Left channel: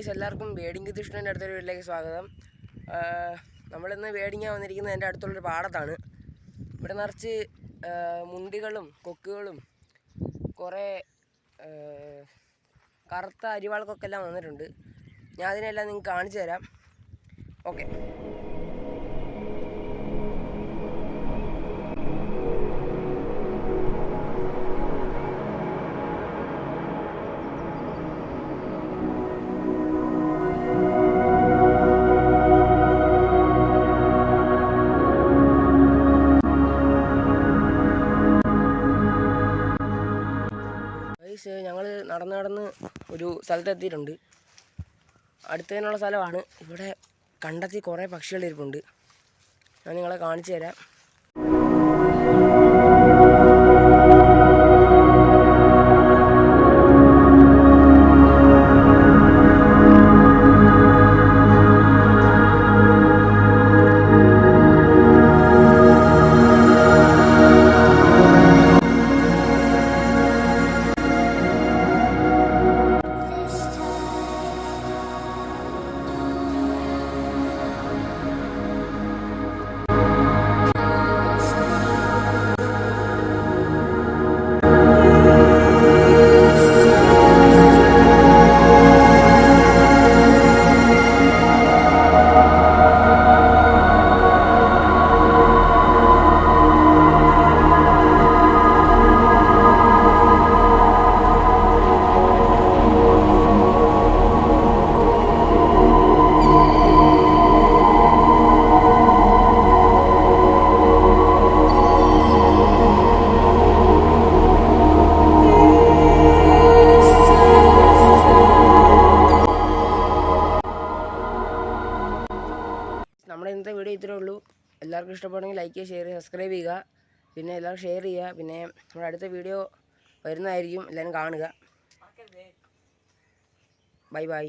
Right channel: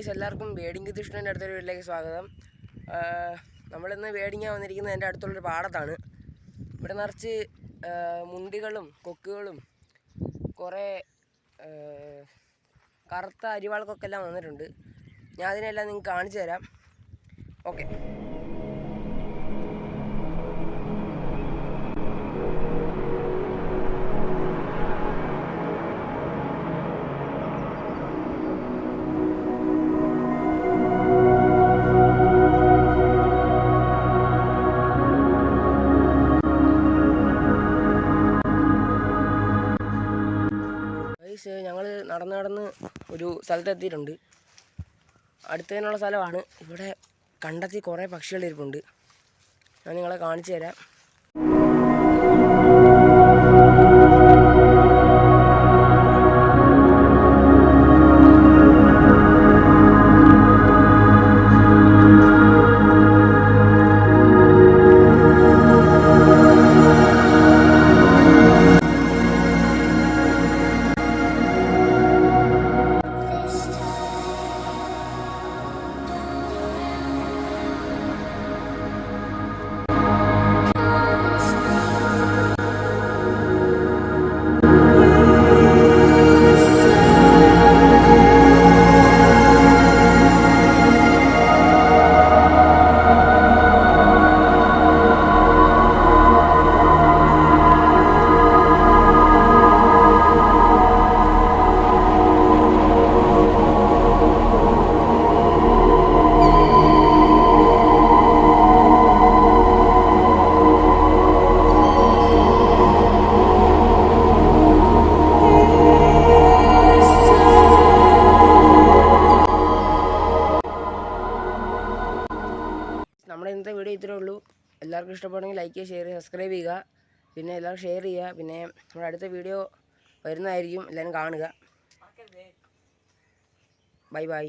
Guys, എല്ലാവർക്കും wading കൃഷ്ണൻ്റെ അടുത്തൊരു വീട്ടിലേക്ക് സ്വാഗതം. നമ്മളിന്ന് വേടിങ്ങാൻ വന്നിരിക്കുന്നത് എൻ്റെ അടുത്തുള്ളൊരു പാടത്താണ്. ഇവിടെ നിറച്ച് മുണ്ടികളും കൊക്കുകളും കുറേ കറുത്ത അരിവാൾക്കൊക്കെ എല്ലാം വന്നിട്ടുണ്ട്. ഞാൻ അതിനെല്ലാം നിങ്ങൾക്ക് കാണിച്ചു തരാം. ഓക്കെ. ഞങ്ങൾ നടന്ന് ഒരു സ്ഥലത്തെത്തിയിട്ടുണ്ട്. അടുത്തതിനുള്ള സ്ഥലമാണ്. ഇവിടെ കണ്ടെത്തി കുറേ പക്ഷികളിരിപ്പുണ്ട്. ഞാൻ നിങ്ങളെ കാണിച്ചു തരാം. നമ്മുടെ ഇന്നത്തെ വീഡിയോ ഇത്രയേ ഉള്ളൂ. എല്ലാവർക്കും ഇഷ്ടപ്പെടുമെങ്കിൽ ലൈക്ക് ചെയ്യുക, ഷെയർ ചെയ്യുക, സബ്സ്ക്രൈബ് ചെയ്യുക. പിന്നെ എല്ലാവരും ഷെയർ ചെയ്യുക. പിന്നെ നമ്മുടെ അടുത്ത വീഡിയോ വരുന്നതായിരിക്കും. എല്ലാവരും കാണുക. Bye bye.